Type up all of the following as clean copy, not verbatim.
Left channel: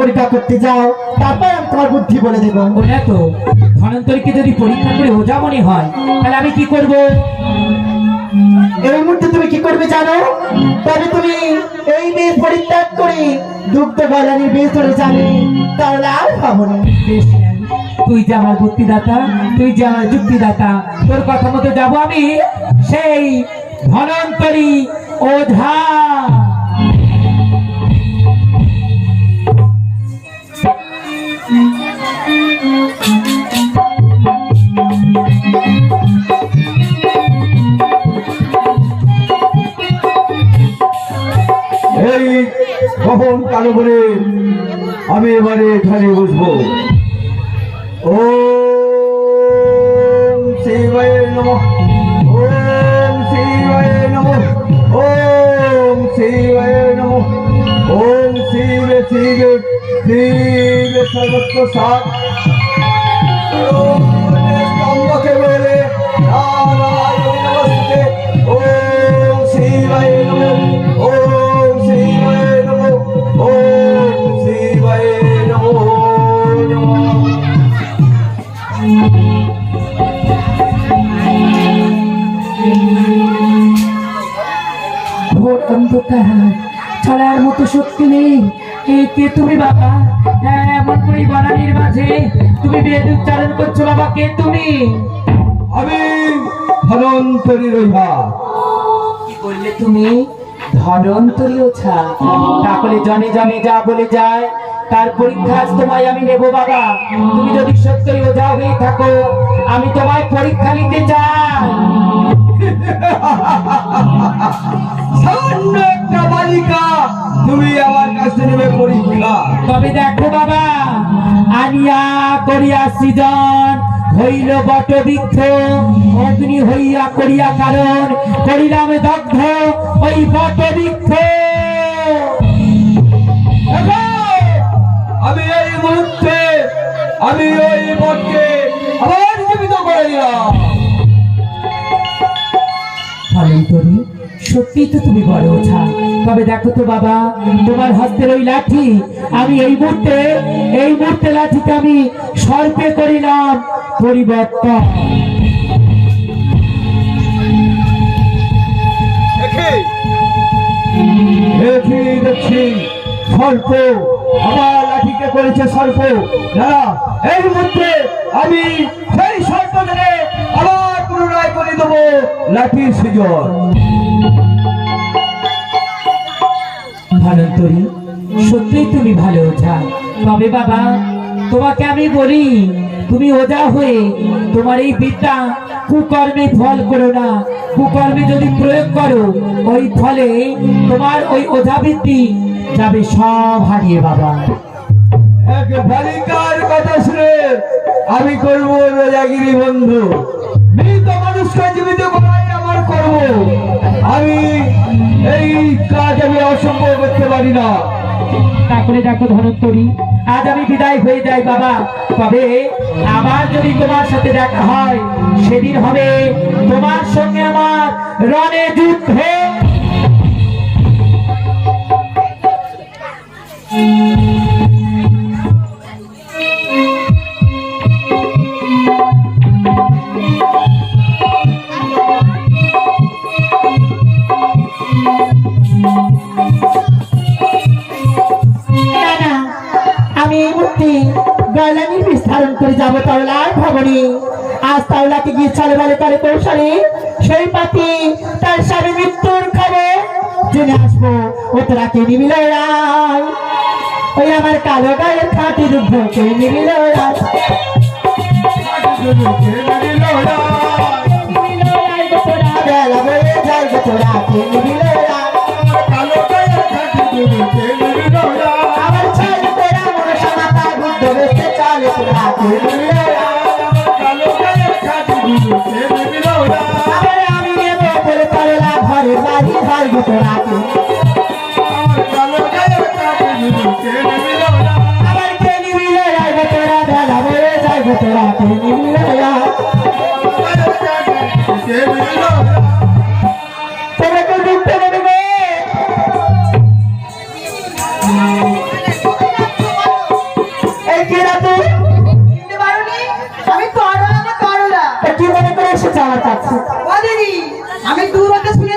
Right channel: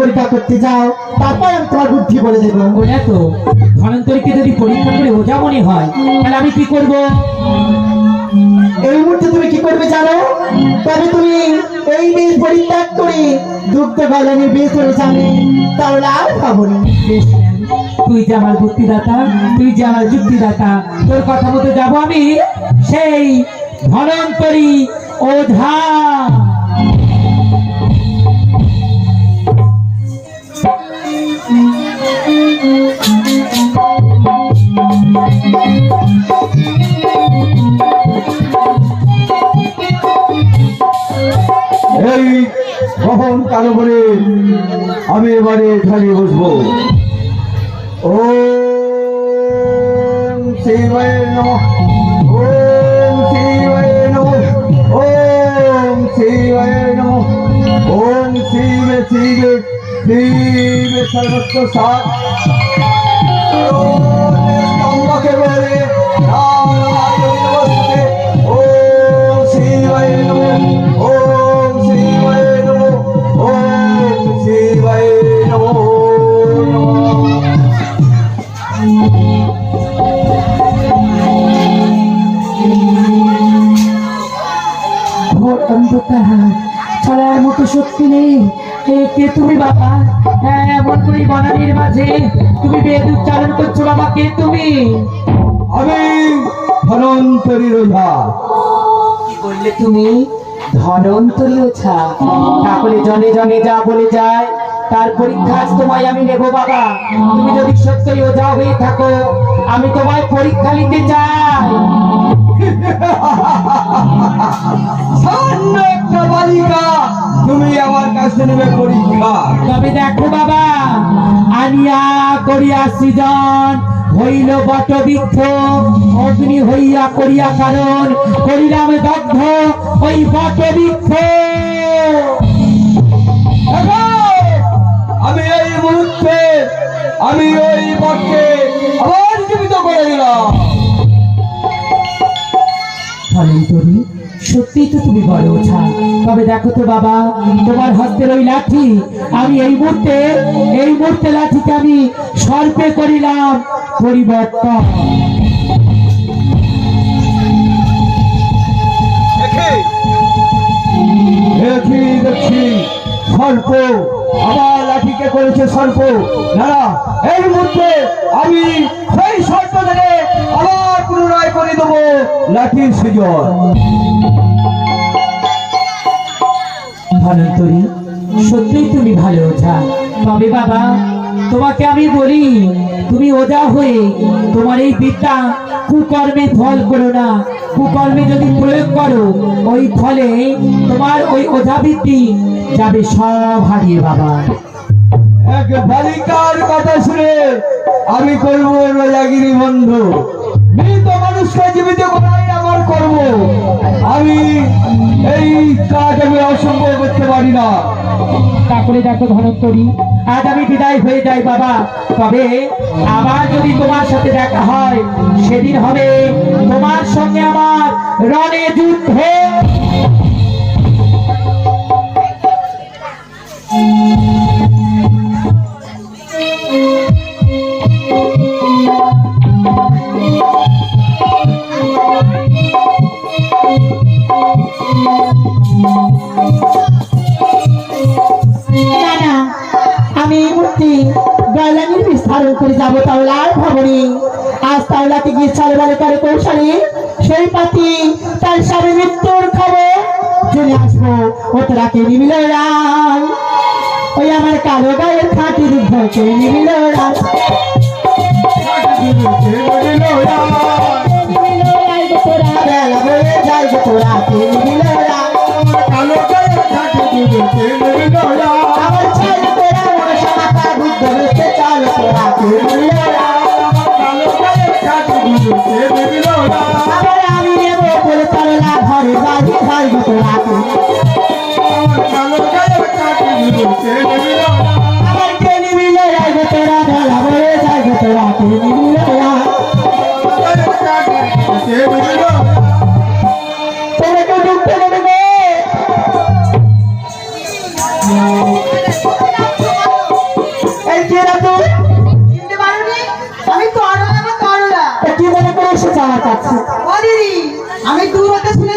পরীক্ষা করতে যাও, তারপর আমি তোমার বুদ্ধি বলে দেবো। ওটা তো ধনন্তরীকে যদি পরীক্ষা করে ওঝা মনে হয়, তাহলে আমি কি করব? এই মুহূর্তে তুমি কি করবে জানো? তবে তুমি এই বেশ পরিত্যাগ করে দুগ্ধ গলানির বেশ চলে যাবে, তাহলে আর পাবো না। বেশ, তুই যে আমার বুদ্ধিদাতা, তুই যে আমার যুক্তিদাতা, তোর কথা মতো যাবো আমি সেই ধনন্তরী ওঝা। এই কখন কালো করে আমি এবারে এখানে বসবো। ওম শিবায় নমঃ, ওম শিবায় নমঃ, ওম শিবায় নমঃ, ওম শিবে শিবে শিবে সর্বত্র সাৎ স্তম্ভকে বলে নারায়ণ নমস্তে। ওম শিবায় নমঃ, ওম শিবায় নমঃ, ওম শিবায় নমঃ। ঘোর অন্ধকার, ছড়ার মতো শক্তি নেই। কে তুমি বাবা? হ্যাঁ, এমন করে বনানীর মাঝে তুমি বেদ উচ্চারণ করছো বাবা, কে তুমি? আমি ধনন্তরীর ওঝা। কি বললে তুমি? ধনন্তরী ওঝা? তাহলে জনে জনে যা বলে যায় তার পরীক্ষা আজ তোমায় আমি নেবো বাবা। তুমি যদি সত্যই ওঝা হয়ে থাকো, আমি তোমায় পরীক্ষা নিতে চাই। সামান্য একটা বালিকা, তুমি আমার কাছে নেবে পরীক্ষা? তবে দেখো বাবা, আনিয়া করিয়া সৃজন হইল বট বৃক্ষ, অগ্নি হইয়া করিয়া কারণ করিলাম দগ্ধ ওই বট বৃক্ষ। আমি এই মুহূর্তে আমি ওই বটকে আবার জীবিত করে দিলাম। ধনন্তরী, সত্যি তো তুমি বড় ওঝা। তবে দেখো তো বাবা, তোমার হাতের ওই লাঠি, আমি এই মুহূর্তে লাঠিকে আমি সর্পে করিলাম পরিবর্তন। দেখছি সর্প, আমার লাঠিকে করেছে সর্প। না, এই মুহূর্তে আমি সেই সর্প ধরে আবার পুনরায় করে দেবো লাঠির সৃজন। ধনন্তরী, সত্যিই তুমি ভালো ওঝা। তবে বাবা, তোমাকে আমি বলি, তুমি ওঝা হয়ে তোমার এই বিদ্যা কুকর্মে ফল করো না। কুকর্মে যদি প্রয়োগ করো, ওই ফলে তোমার ওই ওঝা বৃত্তি যাবে সব হারিয়ে বাবা। এক বালিকার কথা শুনে আমি করবো রাজাগিরি বন্ধ। মৃত মানুষকে জীবিত করাই আমার কর্ম। আমি এই কাজ আমি অসম্ভব করতে পারি না। তারপরে দেখো ধনন্তরী, আজ আমি বিদায় হয়ে যাই বাবা। তবে আবার যদি তোমার সাথে দেখা হয়, সেদিন হবে তোমার সঙ্গে আমার রণে যুদ্ধ। গলানির বিস্তারণ করে যাবো, তাহলে আর ভাবনি। আজ তাহলে গিয়ে চলে বলে করে কৌশলী সেই পাতি তার স্বামী মৃত্যুর খবর জেনে আসবো। ও তোরাকে নিবিল রায়, ওই আমার কালো গায়ের খাঁটি দুধ কে নিবিল রায়। তোরাকে নিবিল রায়, কালো গায়ের খাঁটি দুধ কে নিবিল রায়। আমার ছাড় তোরা মনে সমাতা বুদ্ধ বেঁচে চল। তোরাকে নিবিল রায়, কালো গায়ের খাঁটি দুধ কে নিবিল রায়। আবার আমি নেবো বলে চলেলা ঘরে বাড়ি ঘর। তোরাকে কালো গায়ের খাঁটি দুধ কে নিবিল রায়। আবার কে নিবিল রায়, তোরা বেলা বলে যায়। তোরাকে নিবিল রায়, তোরা তো ডুবতে দেবে।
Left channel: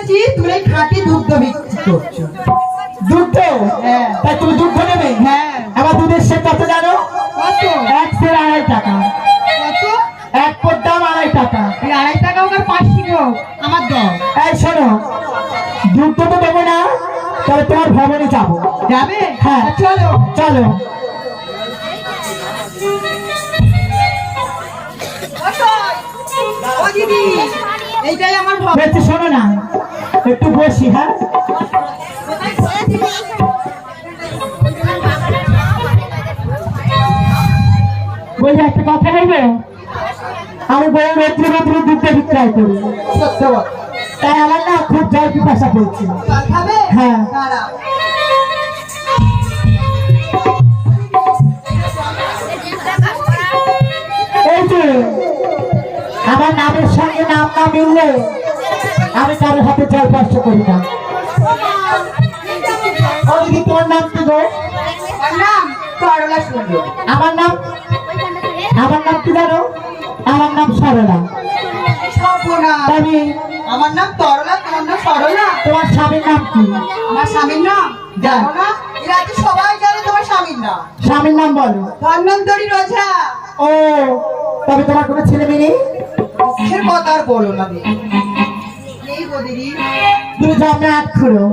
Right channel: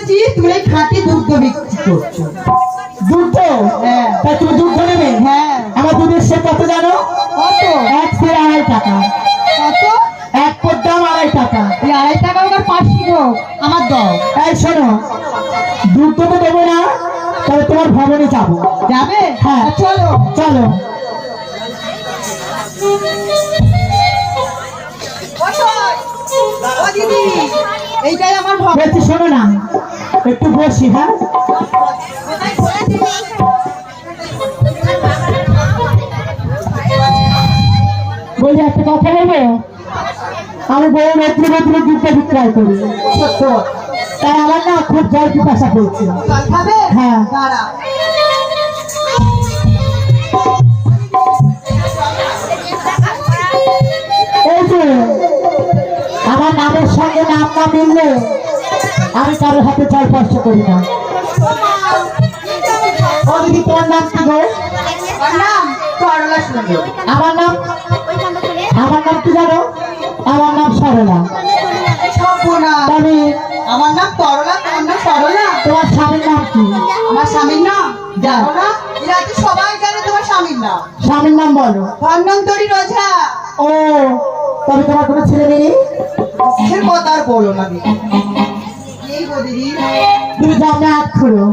শুনেছি তুমি এই খাঁটি দুগ্ধ বিক্রি করছো। দুধ হ্যাঁ। তাই তুমি দুধ নেবে? হ্যাঁ। আমার দুধের সে কত জানো? কত? এক সের 2.5 টাকা। কত? এক পোর দাম 2.5 টাকা। এই 2.5 টাকা ওকে 5 কিলো আমার দাও। এই শোনো, দুধ তো দেবো না, তবে তোমার ভবনে যাবো। যাবে? হ্যাঁ। চলো। চলো। ও দিদি, এইটাই আমার ভাব। বলছি শোনো না, একটু বসি। হ্যাঁ, বলছি একটা কথা নেবো। আমি বই রোদ্রে রোদ্রে দুধটা বিক্রয় করি। সত্য। তাই আমার না খুব জল পিপাসা পেয়েছে। জল খাবে? হ্যাঁ। দাঁড়াও। এই যে আমার নামের সঙ্গে নাম না মিললে আমি কারোর হাতে জল স্পর্শ করি না। ও দিদি, তোমার নাম কি গো? আমার নাম সরলা সুন্দর। আমার নাম কি জানো? আমার নাম সরলা। সম্পূর্ণা। তবে আমার নাম তরলা, তোমার নাম সরলা। তোমার স্বামীর নাম কি? আমার স্বামীর নাম জানো না? এরা তো সবাই জানে তোমার স্বামীর নাম। স্বামীর নাম বলো। ধন্বন্তরী রোজা। ও, তবে তোমার কোনো ছেলে মেয়ে নেই? সে কথা আর বলো না দিদি। এই গো দিদি, তুমি জন্মে 8 খুঁড়ো।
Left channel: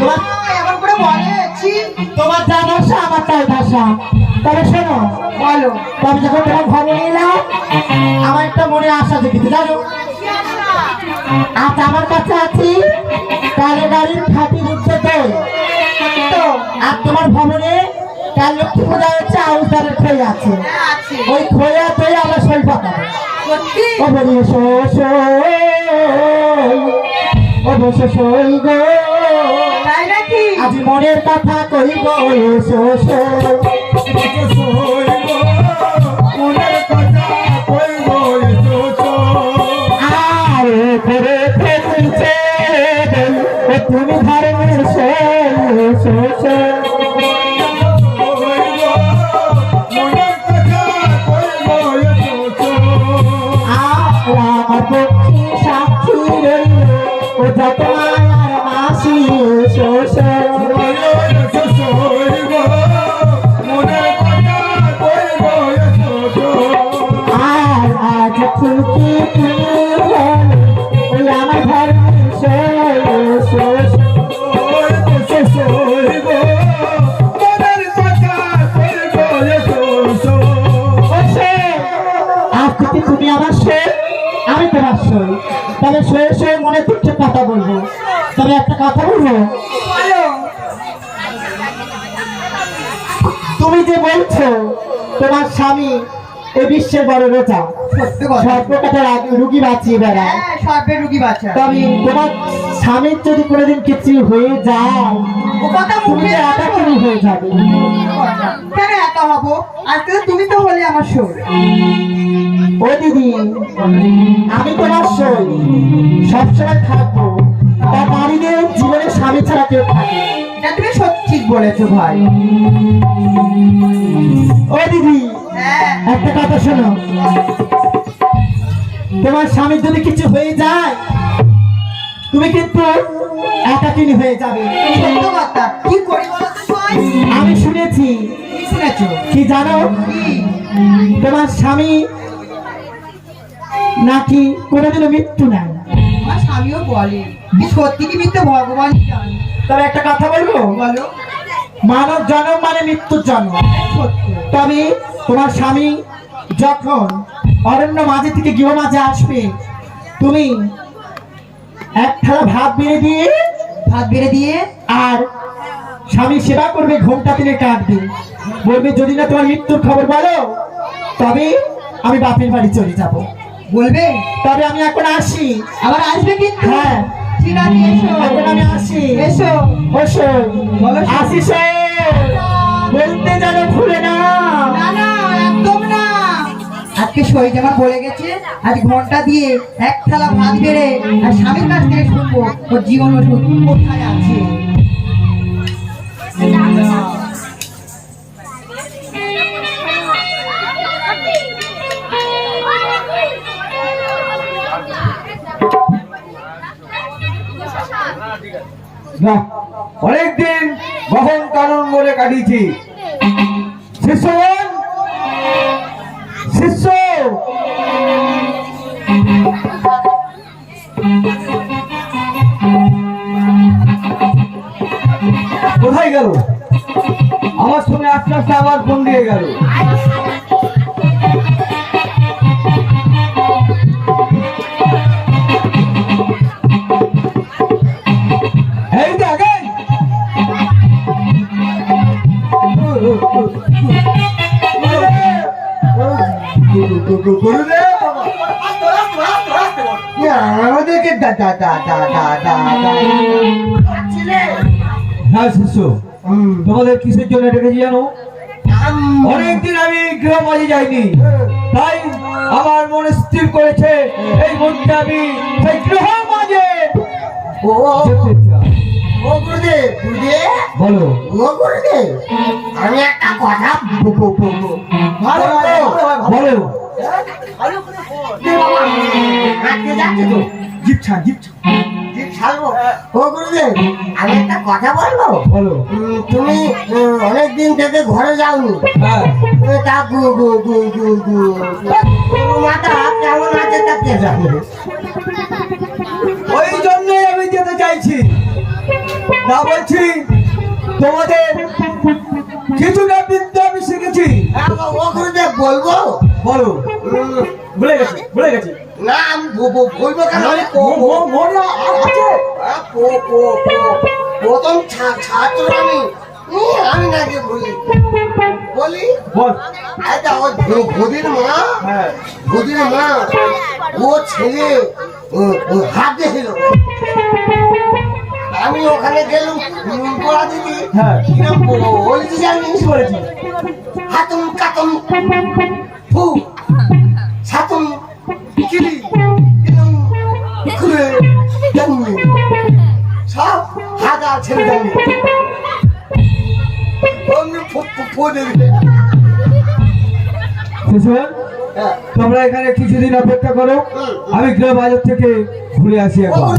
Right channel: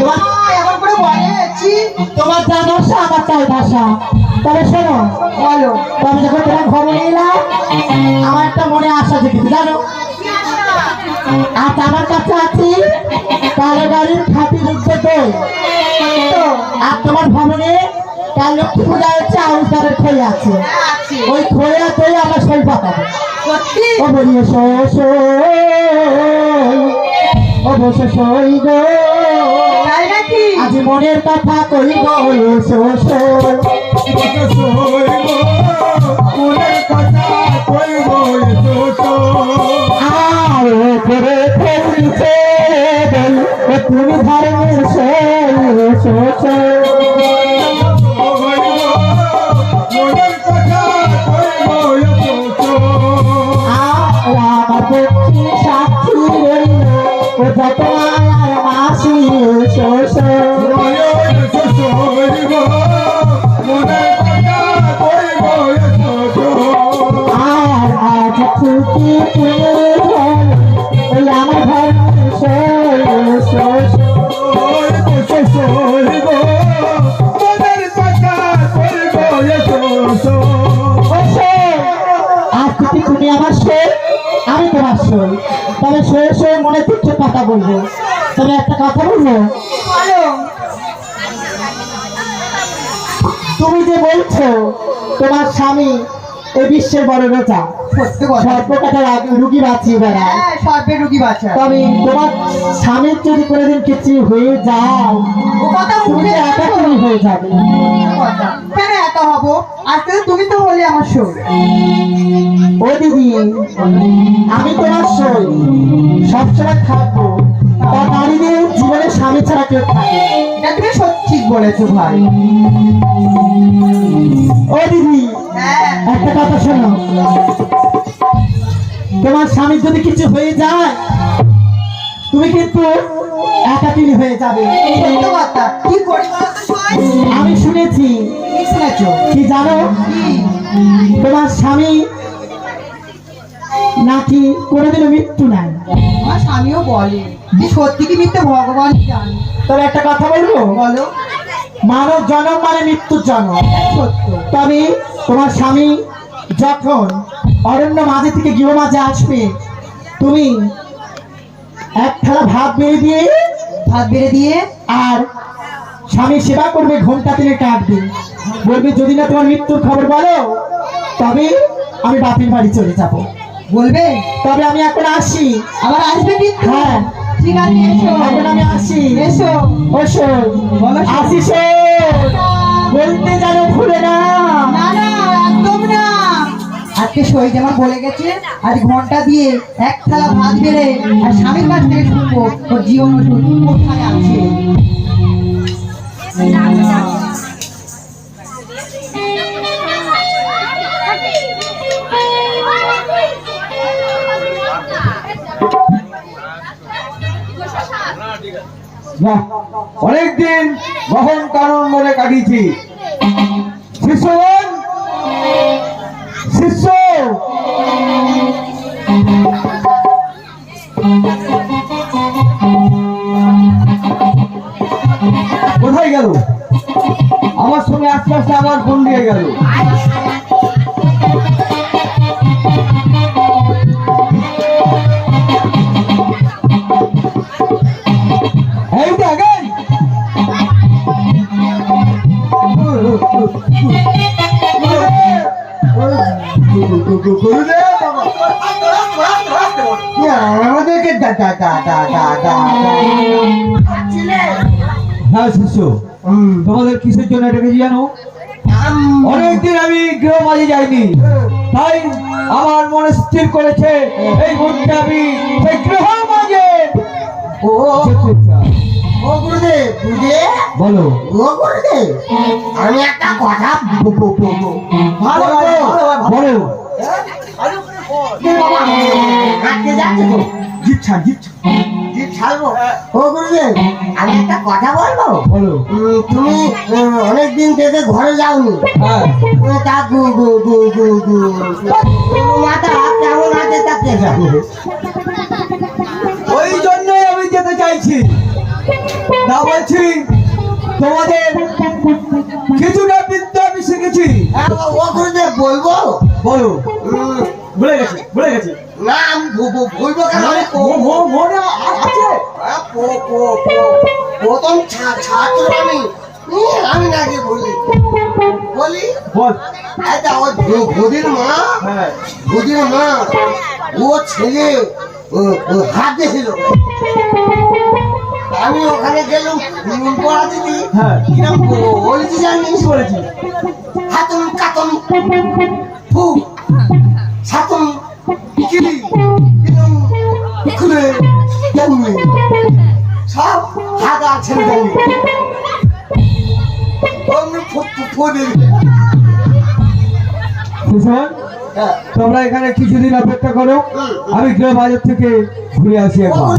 তোমার এমন করে বলেছি। তোমার যা ভাষা আমার তাই ভাষা। তবে শোনো, বলো। তবে যখন তোমার খবর এলাম আমার একটা মনে আশা জেগেছে জানো। আজ আমার কাছে আছি কালো গাড়ির খাঁটি দুধ দই। তো আর তোমার ভবনে কাল লক্ষ্মী পূজা হচ্ছে, আউশ ধারের খেয়ে আছে। হ্যাঁ, আছে। ওই খোয়া তৈরি আমরা শরীর পাকাবো। সত্যি? ও বলি এসো এসো, অবশ্য সই গো, তাই নাকি? আজ মনের কথা কইব। এসো এসো, আর করে ফেলছে তুমি ধর্মের সই। এসো এসো, আমার পক্ষে সাক্ষী রইল ও যত মায়ার মাসি। এসো এসো, আর আজ খুশি তুমি ওই আমার ধর্মের সই। এসো এসো, আজ থেকে তুমি আমার সই, আমি তোমার সই। তবে সয়ে সয়ে মনে তুচ্ছ কথা বলবো। তবে একটা কথা বলবো, বলো। তুমি যে বলছো তোমার স্বামী এই বিশ্বের বড় রোজা, সত্য কথা। সর্বকাটার রুগী বাঁচিয়ে বেড়ায়। হ্যাঁ, সর্বে রুগী বাচ্চা। তবে তোমার স্বামীর যদি কোনোদিন কিছু হয়ে যায় ও কথা তুমি মুখে একা রাখো। তুমি হয়ে যাবে। কথা। কেন এত হবো? আজকে তুমি তো হলে আমার সই। ও দিদি, আমি তোমার সই সবসময় থাকবো। তার নারীদের জীবনে স্বামী ছাড়া কেউ থাকে না। এটা তুমি সত্যি ঠিক বলেছো ভাই। ও দিদি, হ্যাঁ। একটা কথা শোনো, তোমার স্বামীর যদি কিছু হয়ে যায় তুমি কিন্তু একাকিনী হয়ে যাবে। সত্য কথা। কি করি বলো তো সই? আমি শুনেছি, কি শুনেছো? কি জানো, কি? তোমার স্বামী নাকি কোনোদিনও মৃত্যু নাই। আমার স্বামীও বলে। সত্যি কি মিথ্যে ভগবান জানে। তবে একটা কথা বলবো, বলো। মানব জন্ম মানে মৃত্যুর জন্ম। সত্য। তবে তোমার স্বামী যখন অরণ্য মাঝে থেকে গৃহ মাঝে আসবে, তুমি এক থালা ভাত বেড়ে দিয়ে ভাত বেড়ে দিয়ে আর স্বামী সেবা করবে, ঘোমটা তিনি কাটবে, বলবে যদি না তোমার মৃত্যুর খবর বলো তবে আমি বাপের বাড়ি চলে যাব। বলবে। তবে আমি এখন আসি। আবার আসবে কিন্তু। হ্যাঁ, ঠিক আছে, এসো। এখন আমি আসি। এসো। ওসো, বলো। আসিস বলতে যেন ভুলে না। না না, একদম না। আজকে সই জামা বলে গেছে, আজ ঘন্টা দিয়ে এক থালা ভাত বেড়ে আর স্বামীর কাছ থেকে শুনবো ওর জীবন ওষুধ কোথায় আছে। না, অনেকদিন গহন কারণ বলে কাটিয়েছি। শিষ্যগণ, শিষ্য কোথায় গেল? আমার সঙ্গে আস্তে আস্তে আবার ফোন দিয়ে গেল। এই দেখেন, আমাদেরকে হ্যাঁ শিষ্য, তোমাদের কিসের জন্য ডেকেছি জানো? অনেকদিন আমি গৃহ মাঝে যাইনি, তাই আমার মনে স্থির করেছে এই মুহূর্তে আমি সেই গৃহ মাঝে যেতে চাই। ও গুরুদেব, গুরুদেব, বলো। ও গুরুদেব, আমি একটা কথা বলো। হাঁটতে যাচ্ছে তো, জিপ ছাড়, জিপ ছাড়। জিভ ছাড়বো। ও গুরুদেব, আমি একটা কথা বলবো। বলো। তুমি অনেকদিন থেকে ঘরে যাওনি, হ্যাঁ, তা গু গু গু গু গু মাথা হাত কেমন আছে তা কে জানে? ওই জন্যই আমি যেতে চাইছি। না বলছি তোমাদের কিছুটা বিদ্যা আমি শিখেছি। ও গুরুদেব, বলবো? বলো। ভুলে গেছি, ভুলে গেছি। না, আমি বলবো কেন? মনে আছে? প্রথম ছাত্র আমি, আমি নাকি বলি বল। আচ্ছা, ওই গদির মা, হ্যাঁ, গদির মা, ও ছেলে হাত দিয়েছিল। আমি ওখানে গেলাম পড়া দিদি, হ্যাঁ। কিরম বলেছি জানিস? বলেছি। হাতুম কাতুম ফু সাতুম কিলি কিরম খুলে জানলে সব হাগা ছেড়ে জানলে অমনি ফু দিবি। কিশোর, তোমরা এখানে কিছুদিন অপেক্ষা করো, আমি গৃহ বাজার থেকে ঘুরে আসি একবার।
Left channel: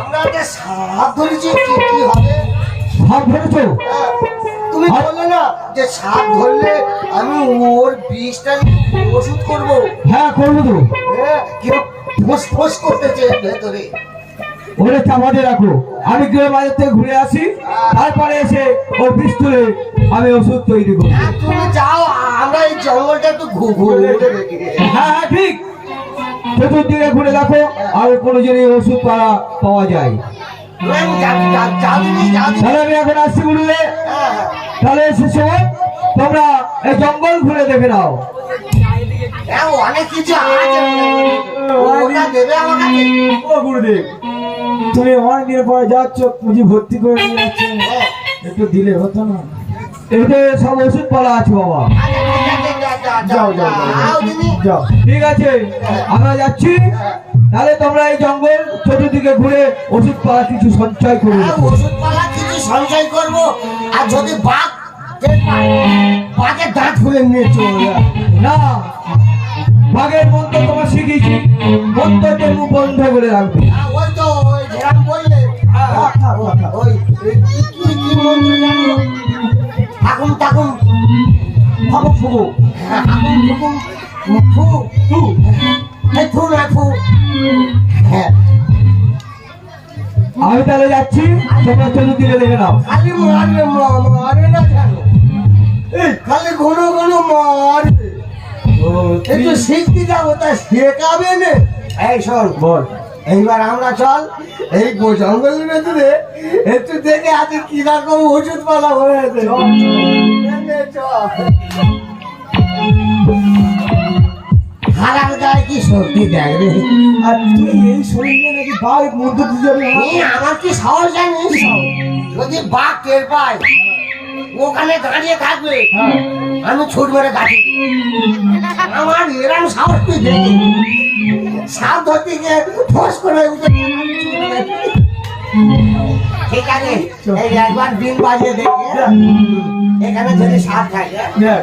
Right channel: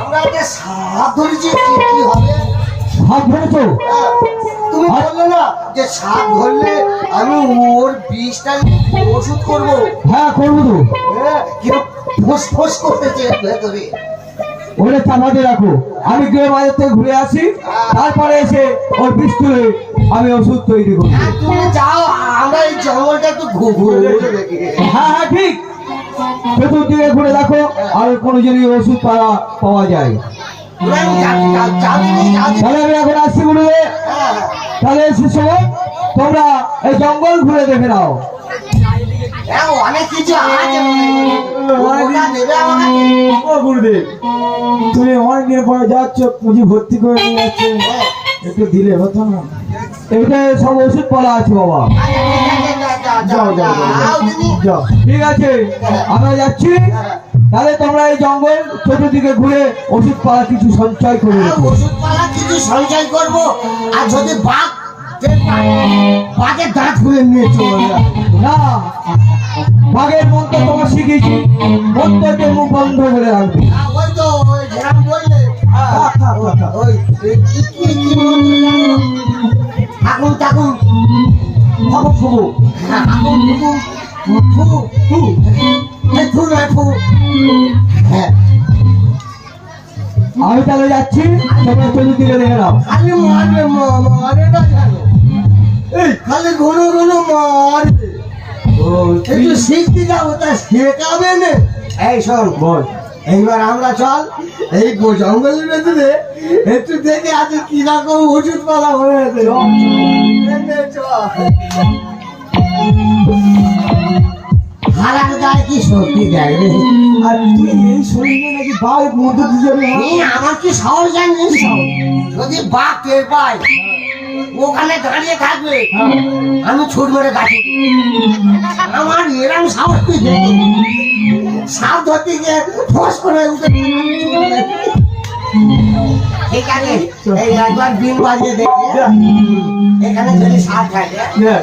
আমরা একটা সাপ ধরেছি, কি হবে? সাপ ধরেছো? তুমি বললে না যে সাপ ধরলে আমি ওর বিষটা নিয়ে ওষুধ করবো। হ্যাঁ, করবো তো। কিরম ফোস ফোস করতেছে ভেতরে। ওরে চাপাতে রাখো, আমি গৃহ বাজার থেকে ঘুরে আসি, তারপরে এসে ওর বিষ তুলে আমি ওষুধ তৈরি করবো। হ্যাঁ, তুমি যাও, আমরা এই জঙ্গলটা একটু ঘুরে দেখি। হ্যাঁ হ্যাঁ, ঠিক। চতুর্দিকে ঘুরে দেখো আর কোনো জিনিস ওষুধ পাওয়া যায়। আমি যাবি। তাহলে আমি এখন আসছি গুরুদেব। হ্যাঁ, তাহলে শিষ্যগণ, তোমরা এই জঙ্গল ঘুরে দেখে নাও। হ্যাঁ, অনেক কিছু আছে, ওটা দেবে আমাকে। ও গুরুদেব, তুমি অনেকদিন পরে যাচ্ছ, পুঁজি ভর্তি করে নিয়ে যাচ্ছ, একটু দিলে হতো না? এতে সব ওষুধ পালা আছে বাবা। যাও যাও যাও, ঠিক আছে, আমরা যাচ্ছি। তাহলে তোমরা এই জঙ্গল চতুর্দিকে ঘুরে ওষুধ পালা কিছু সঞ্চয় করে রেখো। ওষুধপালা কিছু সঞ্চয় করবো, আর যদি বাঘ টের পায়, বাঘের দাঁত খুলে নিয়ে চলে। না, বাঘের মন্ত্র তোমার শিখিয়েছি, মন্ত্রকে মুখ বন্ধ করে রাখবে। ওই তো ওই যেরকম বললে, ওই কি মন্ত্র জানো? আগুন টাগুন ফাবু ফুবু, আগুন টুকুন ফু ফু ফু না ফু। হ্যাঁ, আমি তাহলে যাচ্ছি, তোমরা চতুর্দিকে দেখে নাও। খালি মারবে, মারে না জানো? এই খালি ঘন ঘন মারবে। একটু শিখতে যাবো, তা শেখাবে না। এই শোন, বল। এইবার আমরা চল এই জঙ্গলের ভেতরে একটু দেখে আছে কিরকম ওষুধ পালা হয়েছে। হারার গায়ে কি সত্যি দেখবে? আর তুই এই শরীরে নাকি বাঘ মন্ত্র দিতে যাবে? আমার কি সাহস জানিস? যদি বাঘ টের পায়, ওখানে দাঁড়িয়ে থাকবে, আমি ছুট মেরে কাটি। আমার এরম সাহস তুই দেখি, সাপ ধরতে গিয়ে ফস করে উঠে। ঠিক আছে, এই একবার দিন বাজিয়ে দেখি, এখানে যদি সাপ থাকে। হ্যাঁ।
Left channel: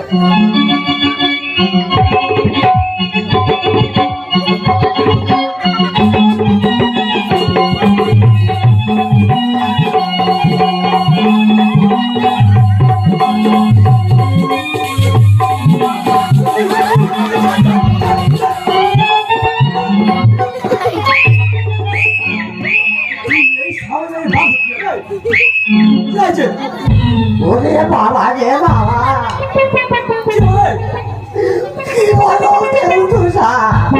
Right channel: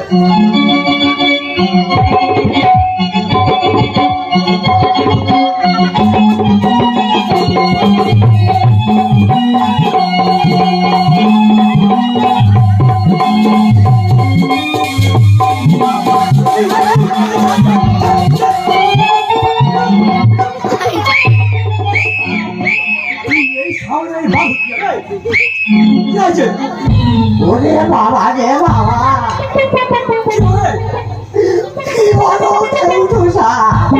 ওরে বাবা রে বাবা, কি বলো কেলটু সাপ?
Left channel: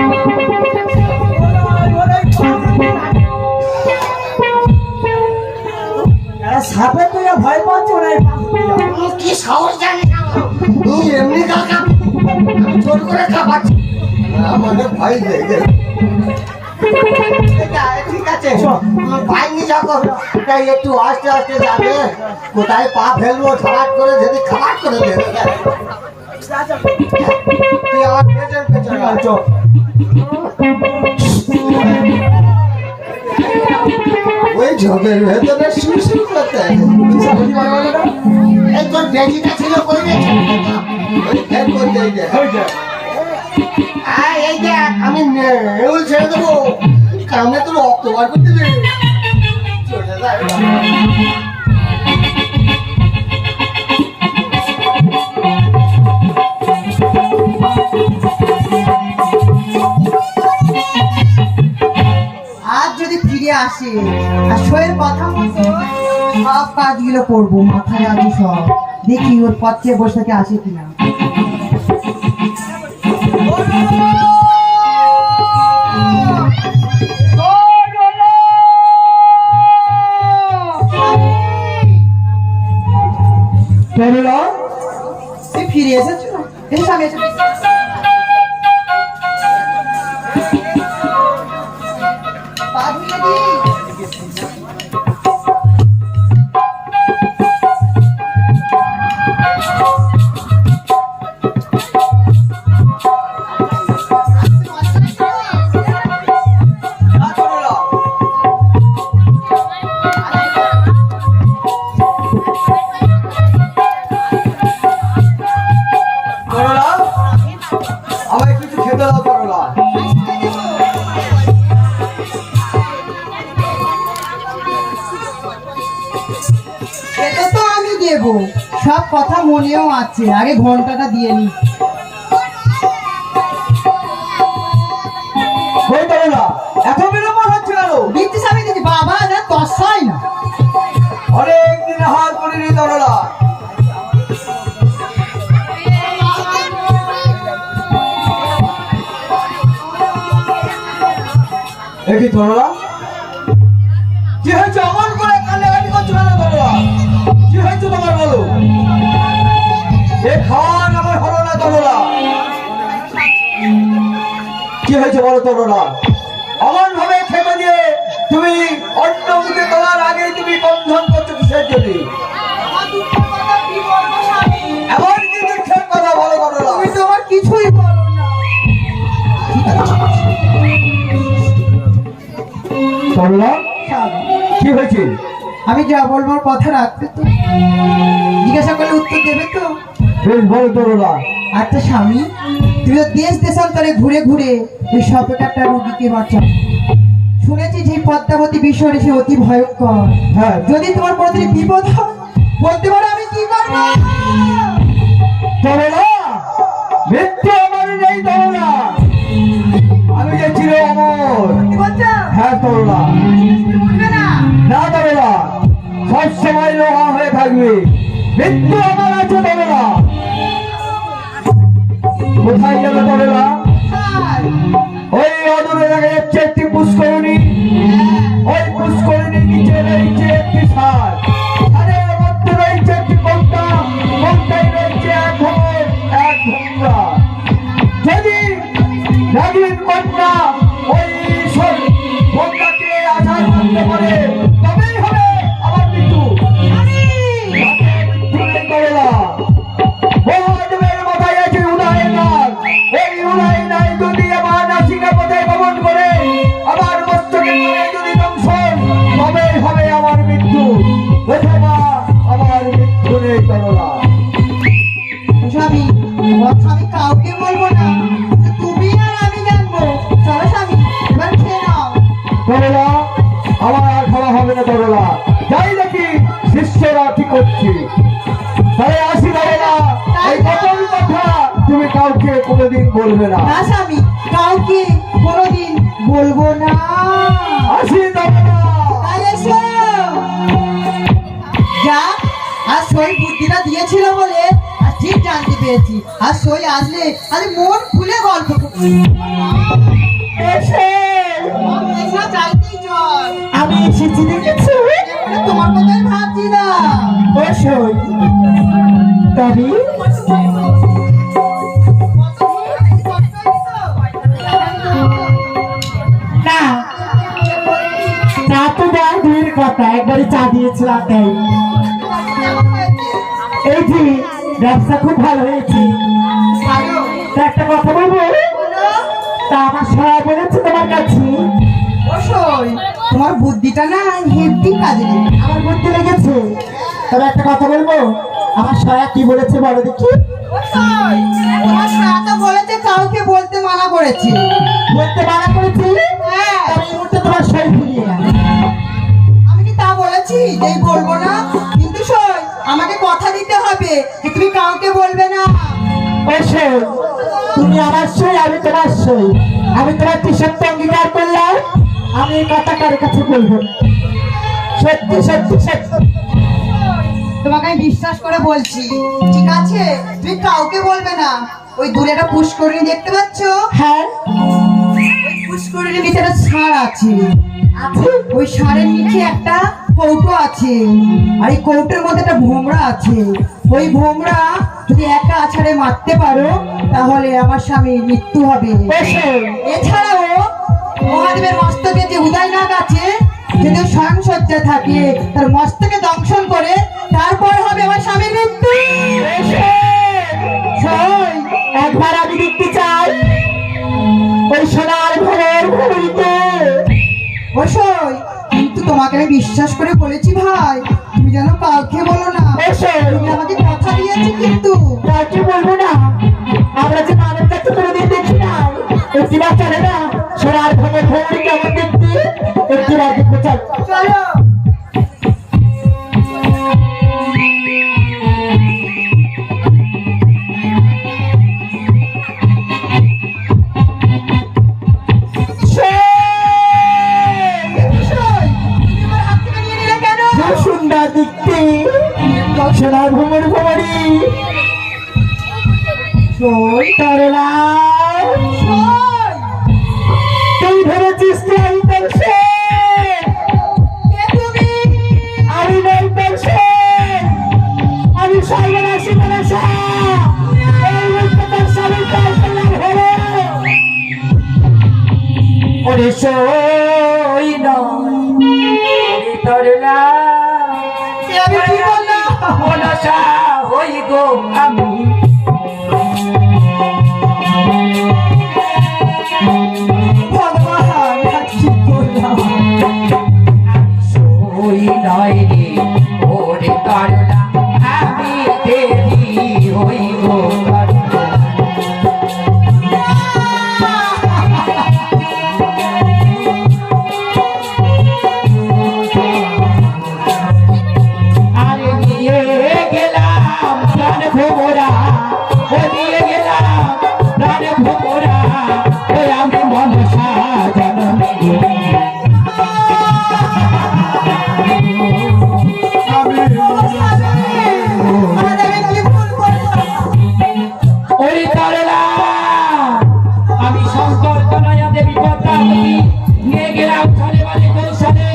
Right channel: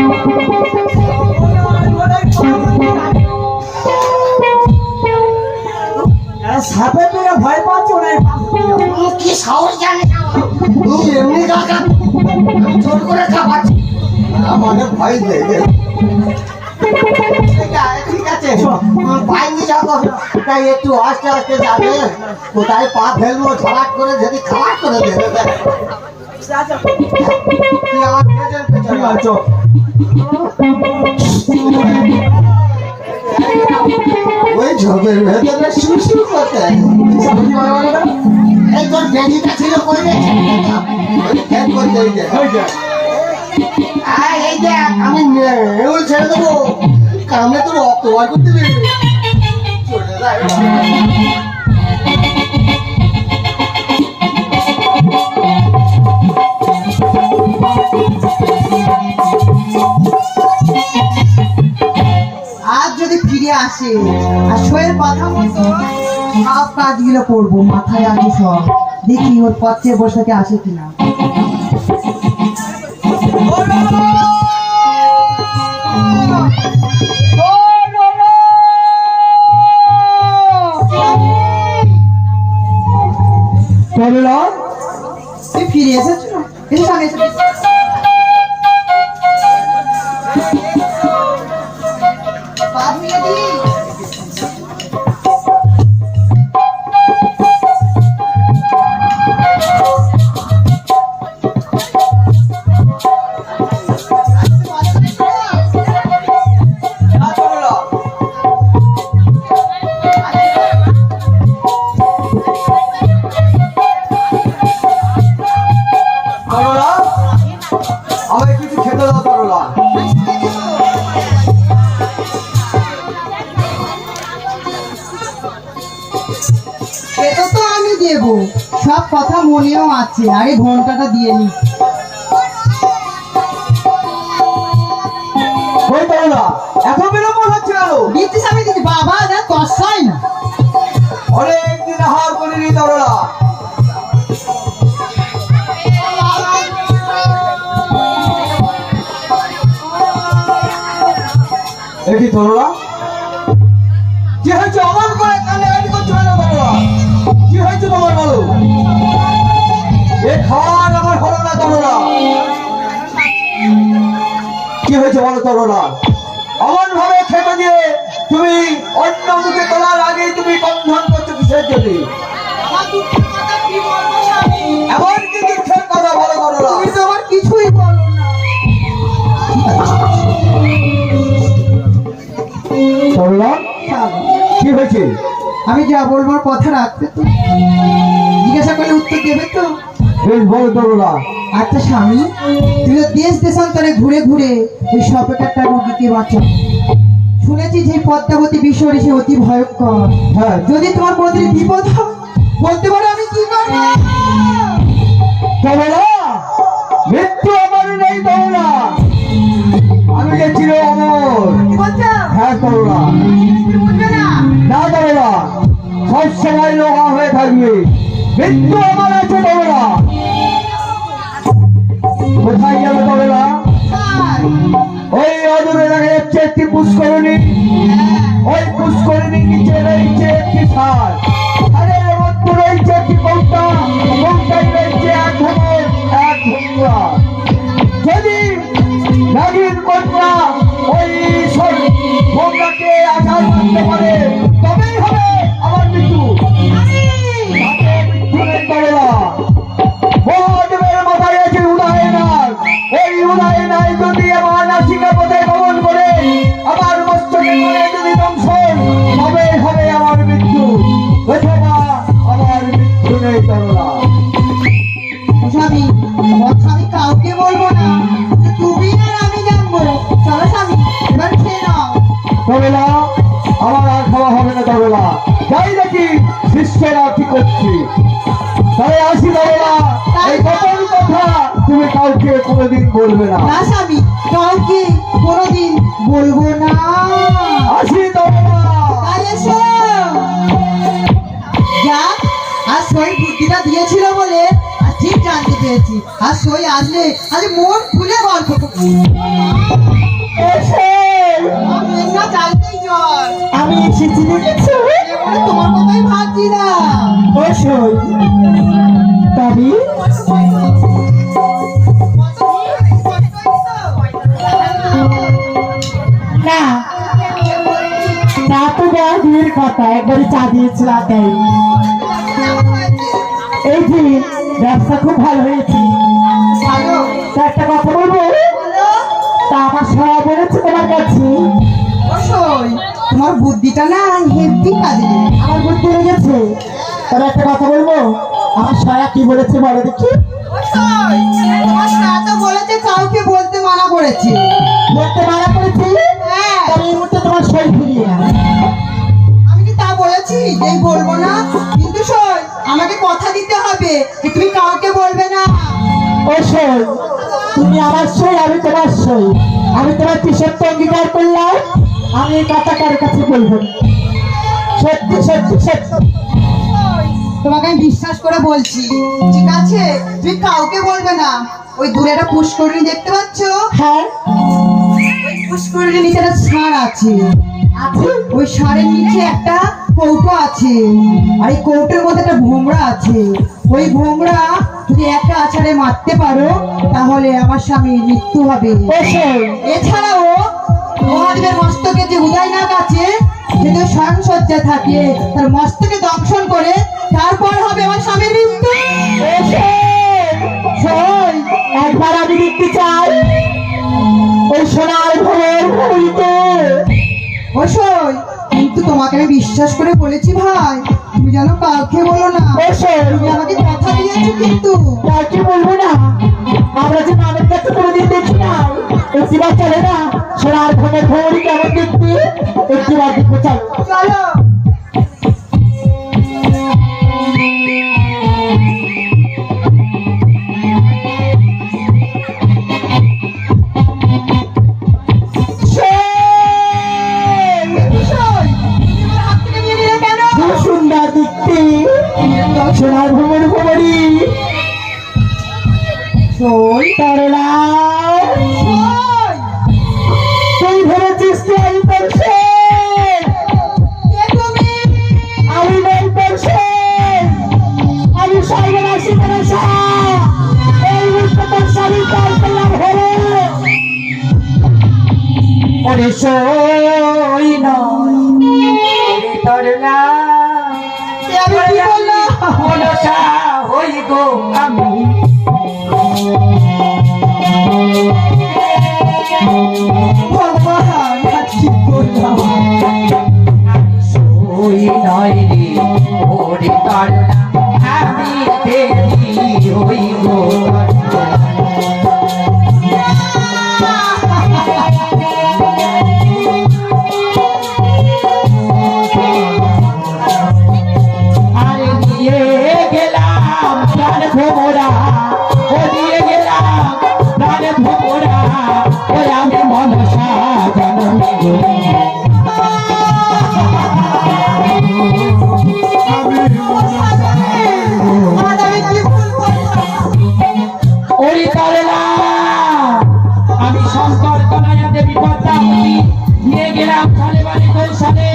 সাপের তুই ভয় পাচ্ছ না? কি সাহস জানিস এমনি কাকা আমি জোর করে খাবাচ্ছি, আমাদের ভয় লেগে। ঠিক আছে পাইনি যখন তাই একটু আস্তে আস্তে যাবে, কোথায় পা ফেলবো খালাট করে, যদি খালাট করে দেবে তুই আমার পেছন পেছন আছো। ওই ঝোপের ভেতরে শুশু করতে এই তোর বেজিটা ছিল কই রে? ওই ফেল করতে এই যে এই যে আমি নেউল ছেড়ে দেবো, কামে তো রক্ত বার করতে দেবে, চলে যায়। আজ যদি ফিরে আসে আর শোয়ের কথা মতো সব কাজগুলো করবো, মাথায় আছে সব, দেখি ওর পথে বসাতে আসে কিনা। তরলা, তুই ফিরে এসেছো? এসে আগে এসে পা ধুয়ে দিই। তরলা, আমায় কিছু খেতে দাও তরলা। এটা তো আমি দেবো, সব কথা মনেও আছে, আগে ঘন্টাটা দিয়ে নি। ওই তরলা, এত বিলম্ব হচ্ছে আরো? দিচ্ছিস আমি দিচ্ছি বাবা, না তসাই না। অনেকদিন আহার করিনি তরলা। দেখি তরলা, কি হয়েছে? অমন করে কান্নাকাটি করছো কেন তরলা? কি হয়েছে তোমার বলো? এ খাওয়ার আমার হলো না তরলা। কি হয়েছে বলো তরলা? অমন ভাবে খেতে দিয়ে তুমি অন্য মুখে তোলার আগেই তুমি বন্ধন করছো কিসের জন্য? এমন কি দুঃখের কথা বলো তরলা? তুমি তো আমার কিছুই বলো না। তরলা, কি হয়েছে? আমি যা বলবার কথা রাখতে তো, জিজ্ঞাসা করলে উত্তর দেবে তো? বেশ বলো তরলা। আচ্ছা স্বামী, তুই তো দেশ দেশান্তরে ঘুরে ঘুরে ওই সপেটারটা রুগীকে বাঁচা। শুনেছি যে পদ্মাবতী বিষয় সে অতি ভয়ঙ্কর। হ্যাঁ, যদি তোমার কোনোদিন বিপদ হয়, বলতে পারো আমি কি করবো? তরলা, মৃত্যু আমার নেই তরলা, আমি যে চির অমর। কি বলছো? হ্যাঁ তরলা, তুমি বুঝবে না? না তরলা, সবসময় লোহা হয়ে থাকবে। মৃত্যু আমার আছে তরলা। কোথায় গেল তরলা? তাই? ওই অদূরে দেখা যাচ্ছে একটি পুষ্করণী। হ্যাঁ। ওই পুষ্করণীর নিচে রয়েছে একটি সার, আরে ওর মধ্যে রয়েছে একটি কৌটা, কৌটায় রয়েছে এক ধরনের এক ভোমরা। যদি নাগিন কন্যা ওই ভোমরাকে আঘাত করতে পারে, তবেই হবে আমার মৃত্যু। মৃত্যু নেই তরলা। মহাদেবের মাথায় আছে উদয়নাগ। এই উদয়নাগ যদি আমার নাসিকা পথে গমন করে, আমার মস্তকে করে যদি দংশন, তবেই হবে আমার মৃত্যু। অথবা আমার মৃত্যু নেই তরলা। স্বামী, কথা আমি কাউকে বলবো না, তুমি আর আমি জানবো। চলো স্বামী, এবার খেয়ে নাও। তরলা, আমার আর খাওয়া হবে না তরলা। যাই দেখি শিষ্যরা কি করছি, তাই আসি তরলা। এই গোপন কথা তুমি কাউকে কোনোদিন বলবে না। না স্বামী, কাউকে কোনোদিন বলবো না। আসি তরলা। তাহলে এসো। যা সই বুদ্ধিটা দিয়েছিল বলে আর ঠিক জানতে পেরেছি। আর সই আসলে আজ মন খুলে গল্প করছি। না চাইতেই চল, আমি এসেছি দেখেছো? এবারে তোমার কথাই ভাবছি না। বসই তবে না, চা তো না দূরের কথা, একবারে চা দিয়েছিল তাই। এই যে ব্যবসা খুব ভালো হয়েছে। ভালো তা একটা কথা বলবো, বলো। তা আমার সবাই বলেছে তোমার কাছে। অবশ্যই তোমার বুদ্ধিটা না হেভি কাজে লেগেছে। আমার বুদ্ধি লেগেছে। তবে একটা কথা বলবো, আমার সয়া কি বলেছে বলো দেখি। অবশ্যই তোমার সাথে বলেছে কাউকে বলতে মানা করেছে। বলতে মানা করেছি, হ্যাঁ তবে এই মুহূর্তে তোমার সই ফিরিয়ে না। আমি কি তা বলেছি যেই বলবো না? কিন্তু শোন, আমাকে কথা দিতে হবে যে তুমি কাউকে বলবে না। ও সই, তুমি আমার সই, আমি তোমার সই। আমি তোমার সত্য অঙ্গীকার করলাম, আমি এই কথা কারোর কাছে বলবো না। সত্যি সত্যি সত্যি। তোমাকে আমি বিশ্বাস করে বলছি, ঠিক আছে? তুমি কাউকে বলবে না। ওই দূরে একটা পুষ্করিণী দেখতে পাচ্ছ? হ্যাঁ ওই পুষ্করিণীর নিচে একটা ষাঁড় আছে। আছে। ওই ষাঁড়ের নিচে একটা কৌটো আছে, আর এই কৌটোর মধ্যে একটা ভোমরা আছে। ওই ভোমরা যদি একটা আছাড়ে মারতে পারো তাহলে আমার স্বামীর মৃত্যু হবে। ও সই, এছাড়াও মহাদেবের মস্তকে যে উদয় নাগ আছে, যদি ও স্বয়ং সজ্জা থাকে, তার মস্তকে দংশন করে তারপর হবে আমার স্বামীর মৃত্যু। সই, একবার আমি দেখতে চাই ওই সোনার ঘরের ভূমিতে। অবশ্যই, কিন্তু তোমাকে আমি বিশ্বাস করে বলেছি ভাই, তুমি যেন কাউকে বলো না। অবশ্যই। তুমি আমাকে কথা দিয়েছো কিন্তু। কাউকে বলবো না। আমরা যে মানব কাছে কোনোদিন দেখি না, একটিবার চলে না সোনার ঘরের ভৌরি কেমন দেখতে, একটিবার দেখতে চাই। চলো। বিষয়, তুমি আমার হাত থেকে নিয়ে নিলে কেন? খুব সুন্দর দেখতে সোনার ভ্রমণ ভ্রমণী সই, তরলা। সই, তুই ভেবেছিস কি আমি তোর সে? কে তুমি? আমি নই তোর সে। আমি সর্বনাশী মনসা। এই মুহূর্তে তোর স্বামী তোর কল্যাণ হলো। ওরে সই নয়, ওরে তরলা। এ আমি কি বললাম? মনসা হই গো আমি। ভগবান, আজ কি করলাম? সই নয় রে ওরে তরলা, আমি দেবী হই গো তরলা। আরে নিয়ে গেলাম প্রাণ ভোমরা, ও নিয়ে গেলাম প্রাণ ভোমরা, ওই আমি মনসা জনমে গরি। আজ আমি কি ভুল করলাম? ওরে তরলা, আমি শঙ্কর কনাইয়া দেবী পদ্মাবতী নিয়ে গেলাম সালে বালে কৌশলে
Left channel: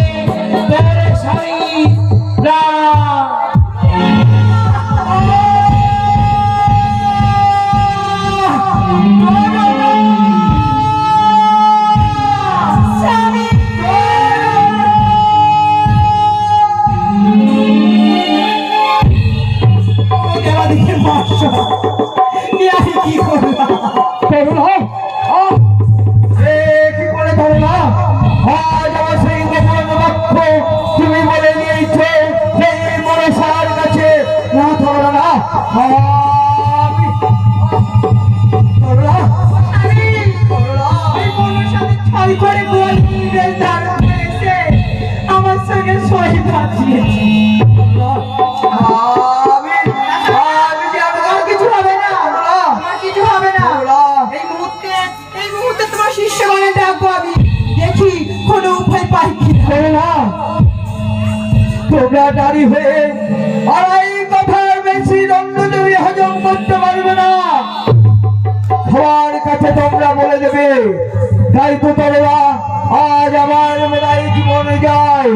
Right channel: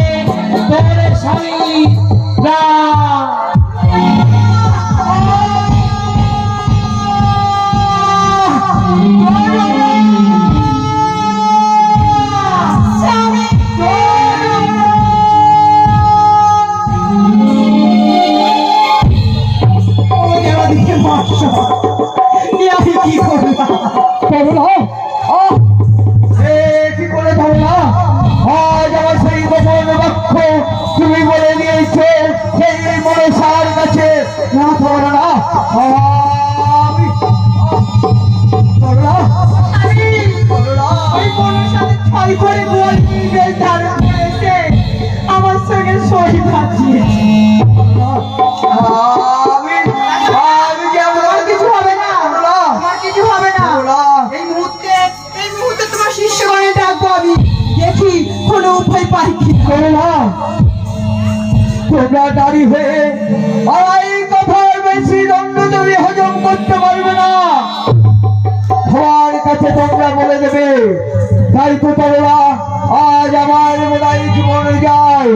তোরে স্বামী না। দেবাদিকে মৎস্য, এ আমি কি করলাম? তরলা, এ কি করে তরলা? আজ আমার সেই গোপন লক্ষ্য তুমি বলে দিয়েছো সেই মনসার কাছে। না তরলা, আমি তরলা, ওই কোনো সাথে ছয় করে গোল নিয়ে তার করেছে, আমার সঙ্গে সই বাঁচিয়েছে। আমি যে আমার কিছু হবে না, তরলা, আমার কিছু হবে না। তরলা। এই মুহূর্তে তোমার শিষ্যগণে ডাকবো আমি, দেখি কোনো উপায় পাই কিনা। তরলা, তোমরা দাঁড়ি হয়ে আর এই কথা করতে পারবে না, সবার কাছে তোমরা বলে দেবে। তাই তো তোমরা আজ আমার মেলায় জীবনে যায়।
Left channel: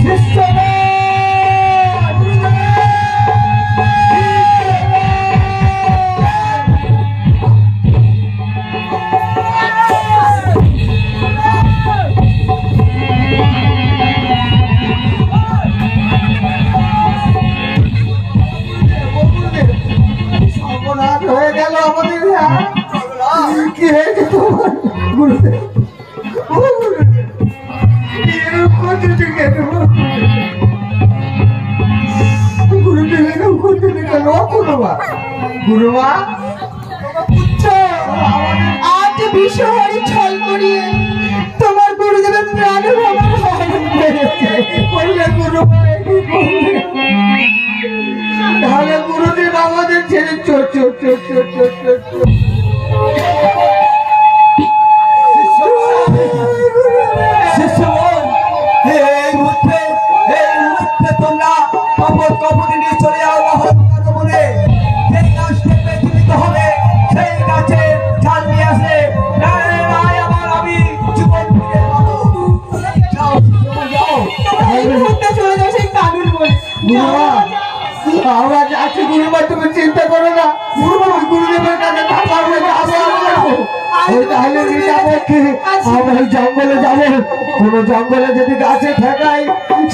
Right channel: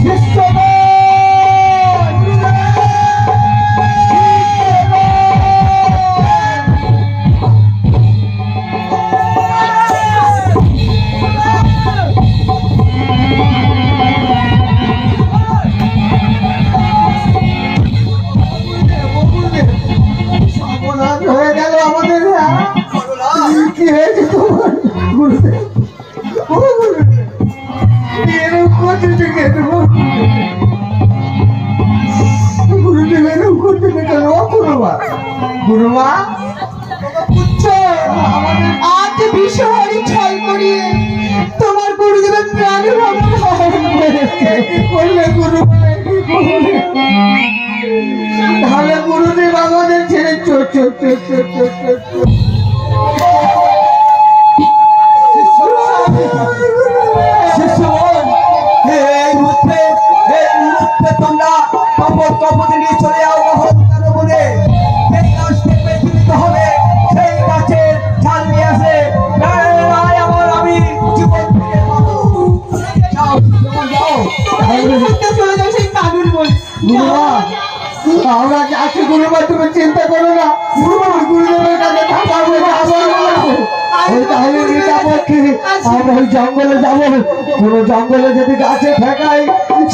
শিষ্যগণ, সর্বনাশ হয়ে গেল আমাদের। কি হয়েছে তোমার গুরুদেব? ও গুরুদেব, এরকম করতে কেন? গুরুদেব এরকম করতে কেন? গুরুমা, গুরুমা, আজ বিষহরি ছল করিয়ে তোমার গুরুদেবের প্রাণের আমার হরণ করেছে। করলে গুরু, তাহলে গুরুদেব আমাদের ছেড়ে চোর চোর চোর চোর চোর চোর চোর। শিষ্যগণ, এই মুহূর্তে তোমরা কপদে নিয়ে চলে যাও মহত্তার বনে। সেই গাছকে বেছে নিতে হবে, সেই গাছে ছাল নিয়ে আসে। আমি জীবন ফিরে পাবো। যাও শিষ্যগণ, যাও। এই মুহূর্তে চলে যাও সেই কাবিল বলে। গুরুমা, আমরা যাচ্ছি গুরুমা, তুমি চিন্তা করো না। গুরুদেবের কাছে তাহলে আমরা ওই জঙ্গলে যাবো। কোন জঙ্গলে যদি গাছে ঠেকাই,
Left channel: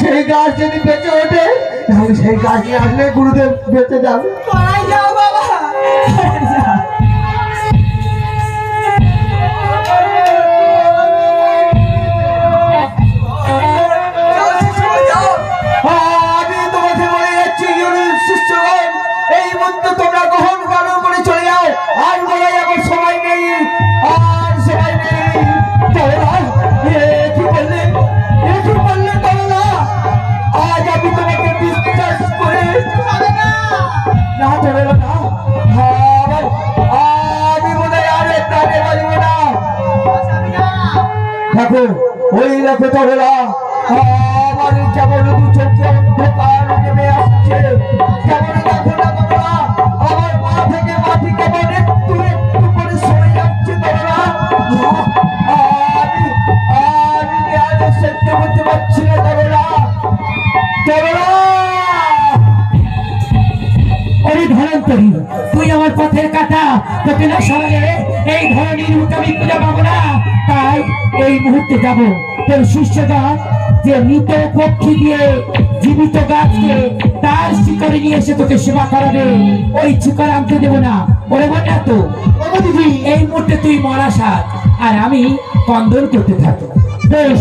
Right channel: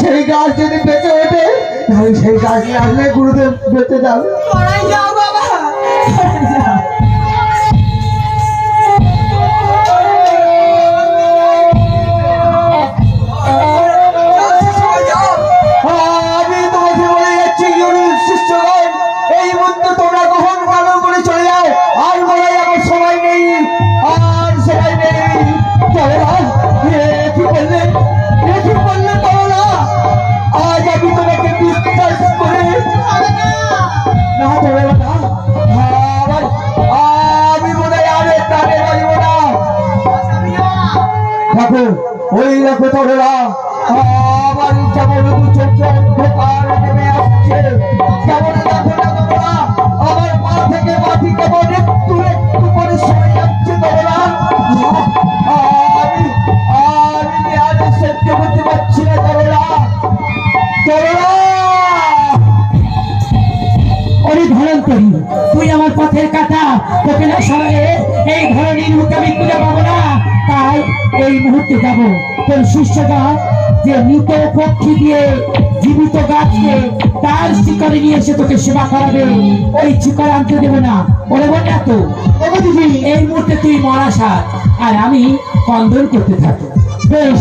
সেই গাছ যদি বেঁচে ওঠে, তাহলে সেই গাছ নিয়ে আসলে গুরুদেব বেঁচে যাবে। পড়াই যাও বাবা। আমি তোমাকে বলে যাচ্ছি শিষ্যগণ, এই মুহূর্তে তোমরা গ্রহণ পালন করে চলে যাও। আর বলে আমার সময় নেই, আর সময় নেই। চলো না, কি করলে তোমরা? আজ আমি তোমাকে বিশ্বাস করে না চলে না। আমি মনে হয় আর প্রাণে বাঁচব না। দেখো, ওই দেখো তোমরা, আমার যেমন দু চোখে অন্ধকার নেমে আসছে, তেমন দেখো না তোমরা, আমার পা থেকে মাটি কেমন একটু একটু করে সরে যাচ্ছে তোমরা। আমি আজ সহ্য করতে পারছি না তোমরা। ওরে ধরন্তরী, তুই আমার পথের কাটা, তোকে না সরালে এই ধরনের মুখে আমি খুঁজে পাবো না। তাই এই মুহূর্তে যাব তোর শিষ্যগণ যে মৃত পক্ষী দিয়ে জীবিত গাছকে তার শিকড়ে নিয়ে এসে তোকে সেবা করাবে, ওই শিকড় আনতে দেবো না। ওরে বল না তো, ওগো দিদি, এই মুহূর্তে তুই মরা সাত আর আমি কন্দন করতে থাকি। বেশ,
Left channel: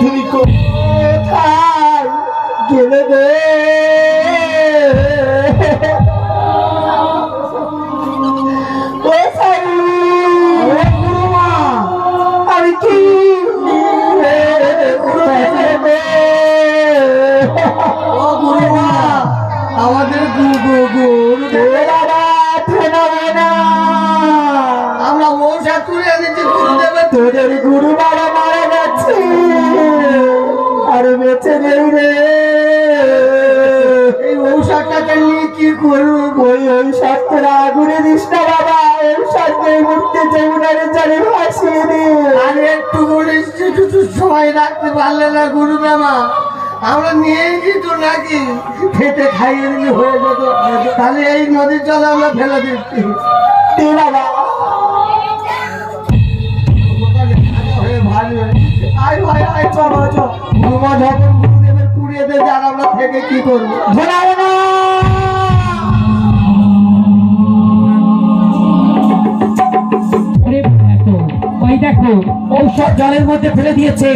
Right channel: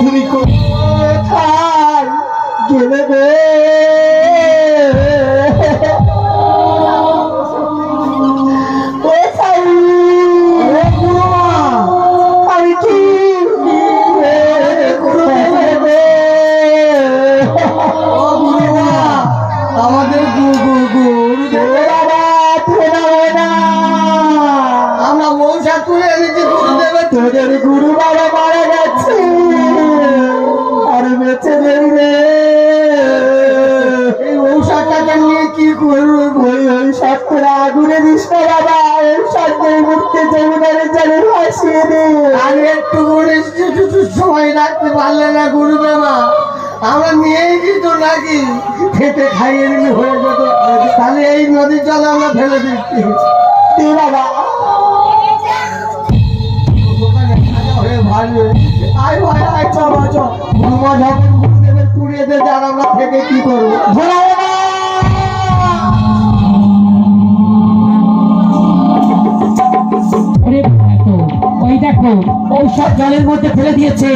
তুমি কোথায় গেলে গো? আমি কি আমাদের আমরা মৌসা তুলে এনেছি গুরুদেবের। তোদের গুরু বাবা মারা গেছে, আর বেঁচে নেই রে। এই ঔষধটাকে নিয়ে কি করবো? ঔষধ তোরা আগুনে দিস না বাবা, ঔষধ মুক্তি যমুনারে জলে ভাসিয়ে দে। আর একটু করে সময় রাখতে পারলে না গুরু বাবা, আমরা নিয়েছি তো নাকি খেতে খাইয়ে দিলে হয়ে যেত। তাহলে এই নদীর জলে আমরা ফেলে দিচ্ছি। বাবা গুরুমা যখন গুরুদেবের পুড়িয়ে দেবে, আর আমরা থেকে কি করবো? ওই দেখো ঔষধ জলের মধ্যে ফেলে দিয়েছে,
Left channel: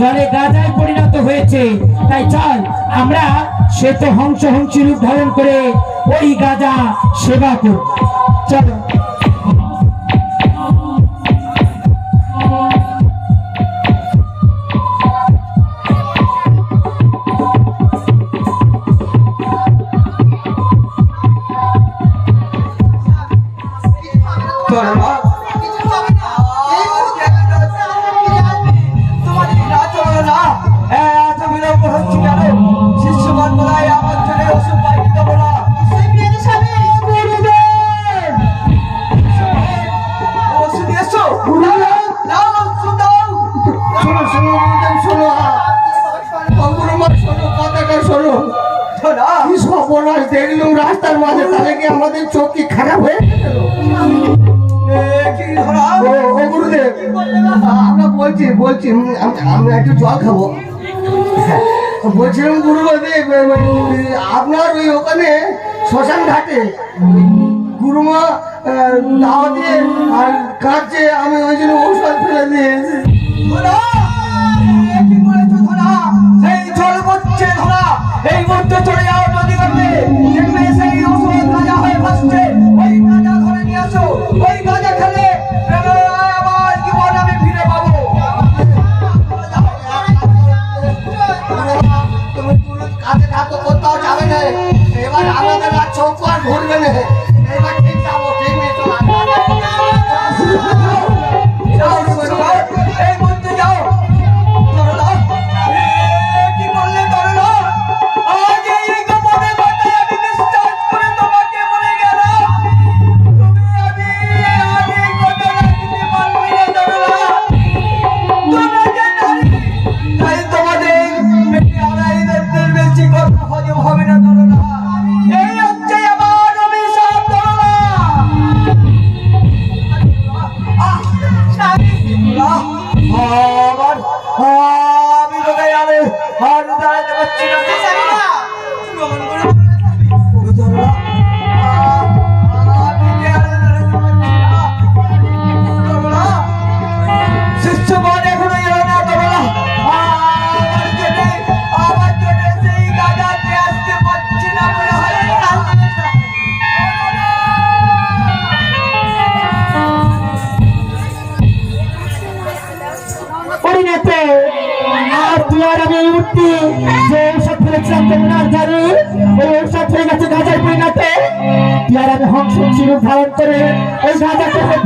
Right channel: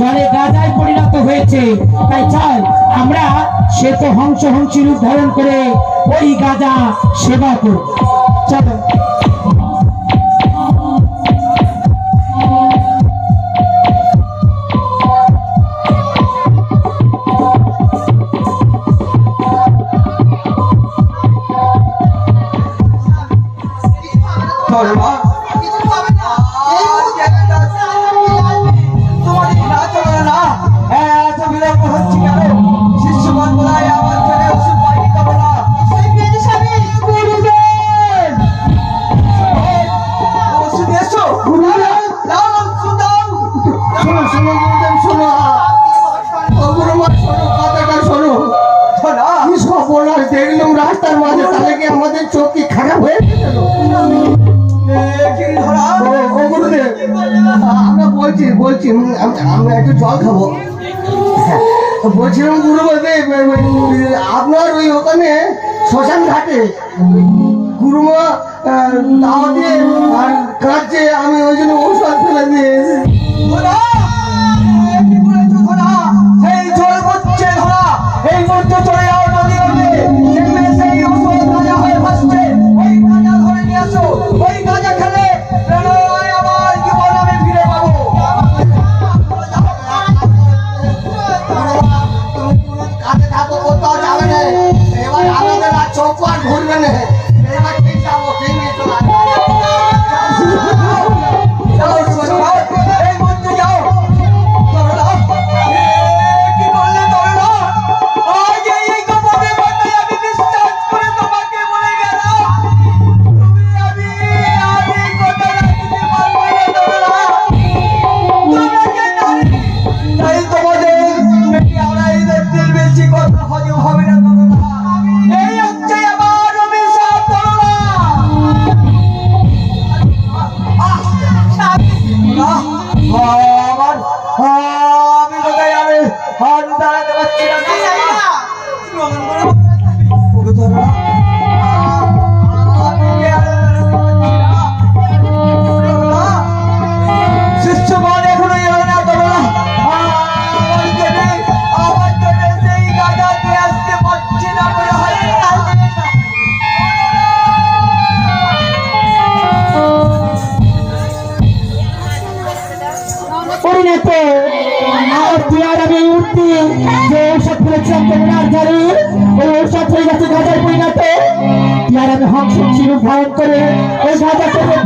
জলে গাজায় পরিণত হয়েছে। তাই চল আমরা শ্বেত হংসী রূপ ধারণ করে ওই গাজা সেবা করব। চলো। বলছি আমি একটু জল খাবো। হ্যাঁ, বলছিলাম গুরু বলবে আপনার ওই ওখানে শ্মশান ঘাটে গুরুমা দাওয়া দিয়ে আর কাঁদছে, আমি ওই জন্য ঔষধ ফেলে দিয়েছি। সেই জল পড়ছে ধরা, এই মধ্যে চলে যাও নদীর মধ্যে, দেখবে সেই ওষুধ গাঁজা হয়ে ভাসছে, ওই গাঁজা ধরে নিয়ে আসো, ওই গাঁজা খেলে আমার জীবন আমি ফিরে পাবো। তুমি কাজে থাকো, কোথাও যাবে না। এবার আমাদের আর চোখ আর ঘুরবে না। এবার ঠিক যাবো, ঠিক নেই তো আর। যাও, এই মধ্যে যাও। তরলা, কি বললে তরলা? আজ এই কাপড়ে বাঁধে আমি বিশ্বাস করে তোমাকে বলে গেলাম, তুমি আমি কথা রাখতে পারবো না তরলা। তোমরা যে নারী, তাই তোমাদের বেশি আড়াই রাতের বেশি কথা হজম হবে না তরলা। এই হচ্ছে আমার অভিশাপ তরলা। আমি কোথায় যাবে? আমি দাঁড়াতে পারছি না। গুরুজনরা, আমি যে আর দাঁড়াতে পারছি না। তরলা, শিষ্যগণ এখনো এলো না তরলা। আমার জন্য সেই গাঁজা নিয়ে আসতে পারছি না বলে হয় না। পরিণত আর তুই আর আমি উঠতি যে ঔষধ ফেলেছিলাম তোমার জানি ওই ঔষধ হয়ে গেছে গাজায় পরিণত। তুই আর আমি হংস ছিল ভয়ন করে ওই গাজা করে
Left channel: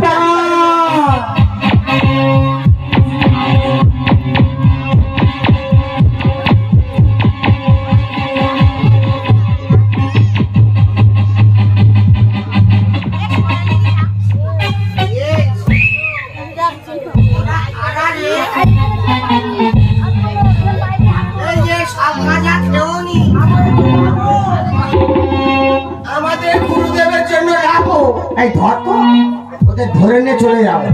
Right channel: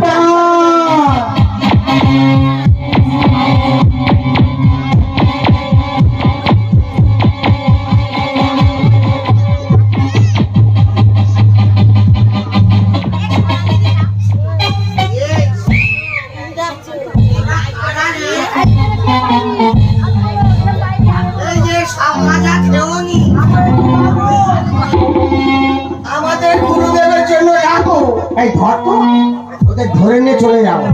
এই যে সব গাঁজা খেওনি, আমাদের গুরুদেবের জন্য রাখো। এই ধর তো, ওদের ধরে নিয়ে চলে যাবো,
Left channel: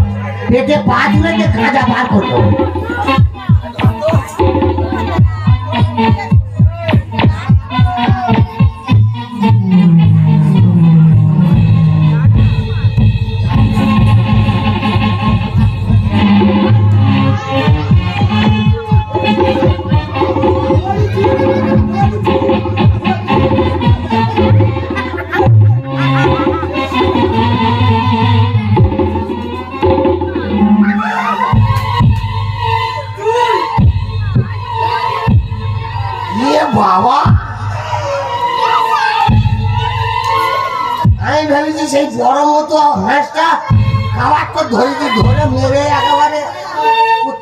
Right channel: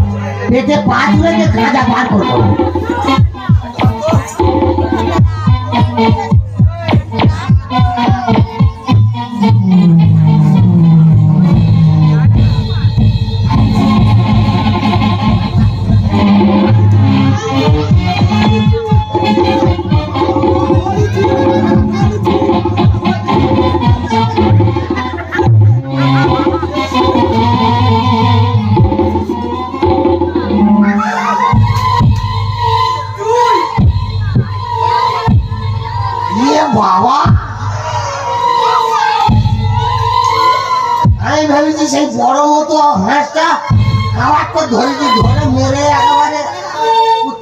পেটে পা ধরে গাঁজা বার করবো। বাবা, আমি ভেবেছি সেই বড় মতো হাঁসটা খাবার তো ধরেছি, ধরে মেরে একেবারে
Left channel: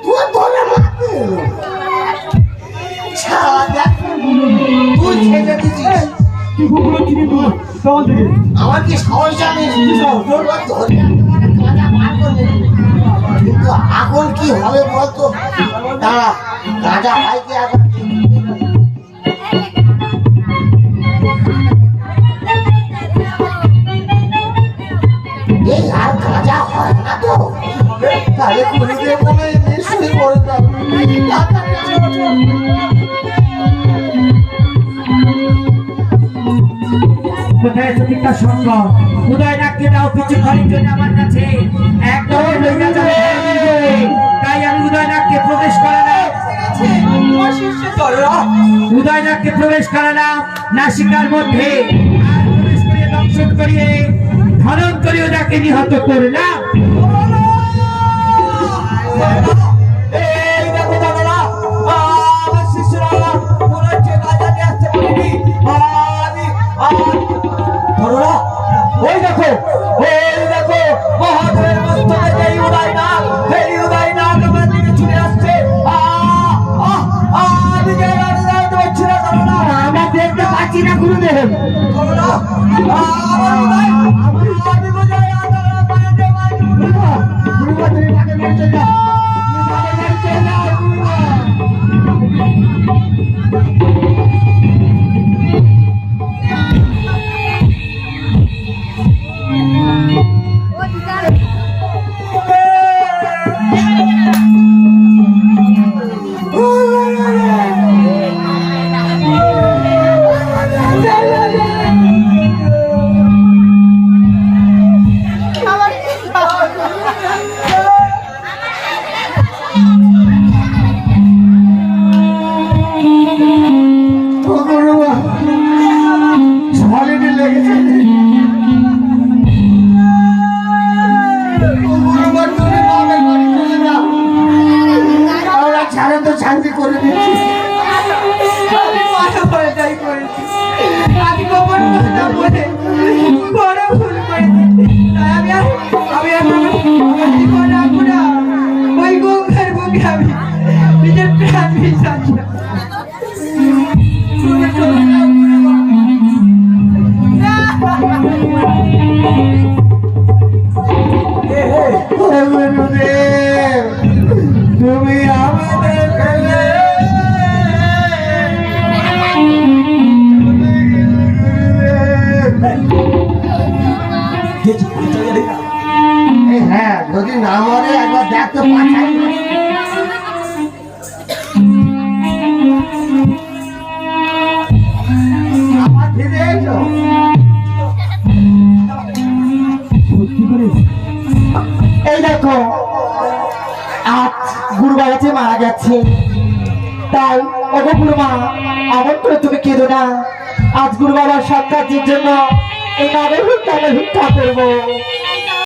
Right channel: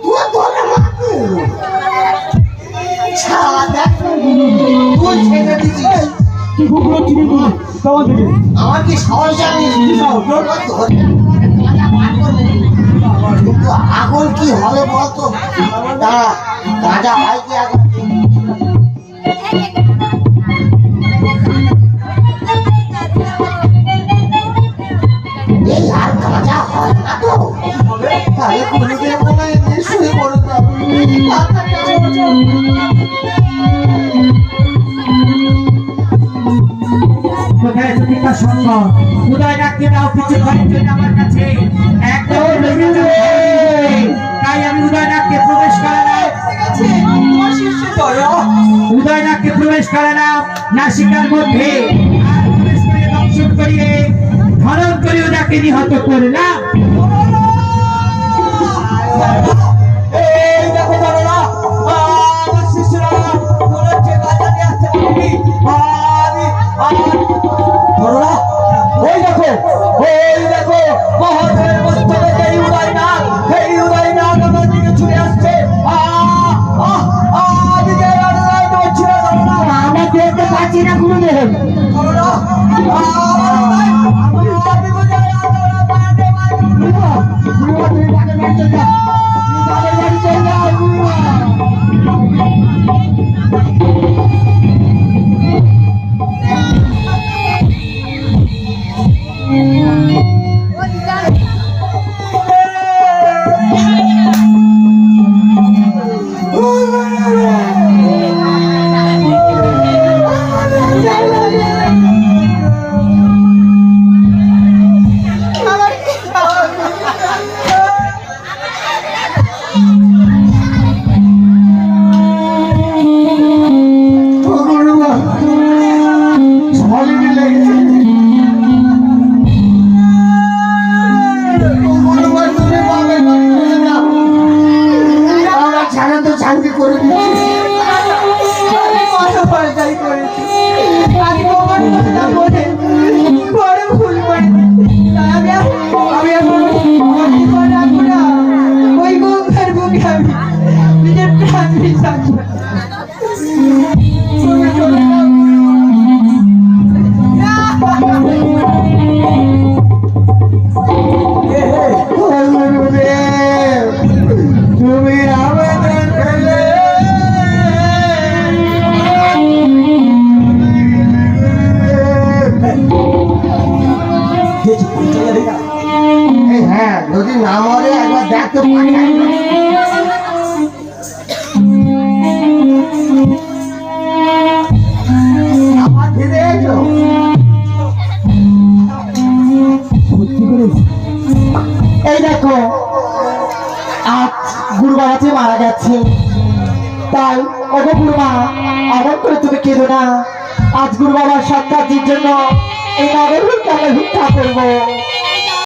তুই ধরে মারতে এলো। তুই ছেড়ে দিচ্ছিস, আমার কি সাহস জানিস? ধরে একেবারে গাঁজা বার করলি। কিন্তু এখন কি হবে বলতো? দাঁড়া, গাঁজা ভাইকে একবার এই আর গাঁজা হয় না তো? তাহলে গুরুদেব বলে নিশ্চয়ই বড় যাবে। কোথায় সতীর্থ সঙ্গ উদয় ডাকতে দাও কিছু ঘরের জন্য আমার কাছে একদম লইয়া যাবে। তাই আমি উদয় ডাকতে প্রবেশ করালাম। উদয় ডাকতে প্রবেশ করালাম নাসিকার মধ্যে, আর প্রবেশ করিয়ে দংশন করিয়ে ধরন করে ওটাকে নিহত করলাম। এই দেখো তরলা, আমার শিষ্যরা মনে হচ্ছে গাঁজা নিয়ে আসতে পারেনি। তরলা, ওই দেখো মহাদেবের মস্তকে যেই উদয় নাগ, সেই উদয় নাগ আমার দিকে ছুটে আসছে। আমি যে আর দাঁড়াতে পারছি না তরলা। আমরা দেখতে পাচ্ছি না গুরুদেব। তরলা, আমার উদয়, আমি বোঝাই আর তরলা পায়াতে মারি। গুরুমা, তুমি বাড়ি চলে যাও, তুমি বাড়ি চলে যাও গুরুমা। বলে বড় ভুল করেছি। তাই আমি আর জীবন রাখবো না। ওই গঙ্গার বুকে আমি নিজের প্রাণ বিশ্বাস তুমি আমাদের ফেলে হ্যাঁ যদি না মরে একবার দেখতে পাঠাই আবার ফিরে এসো। এই দেখো আজ গুরু বাবা যে মারা গেছে, তাই ওগো গুরুমা আমার করে তুমি কেঁদো না। আজ গুরু বাবার সৎকার্যের জন্য এই নগর ভিক্ষা করবো।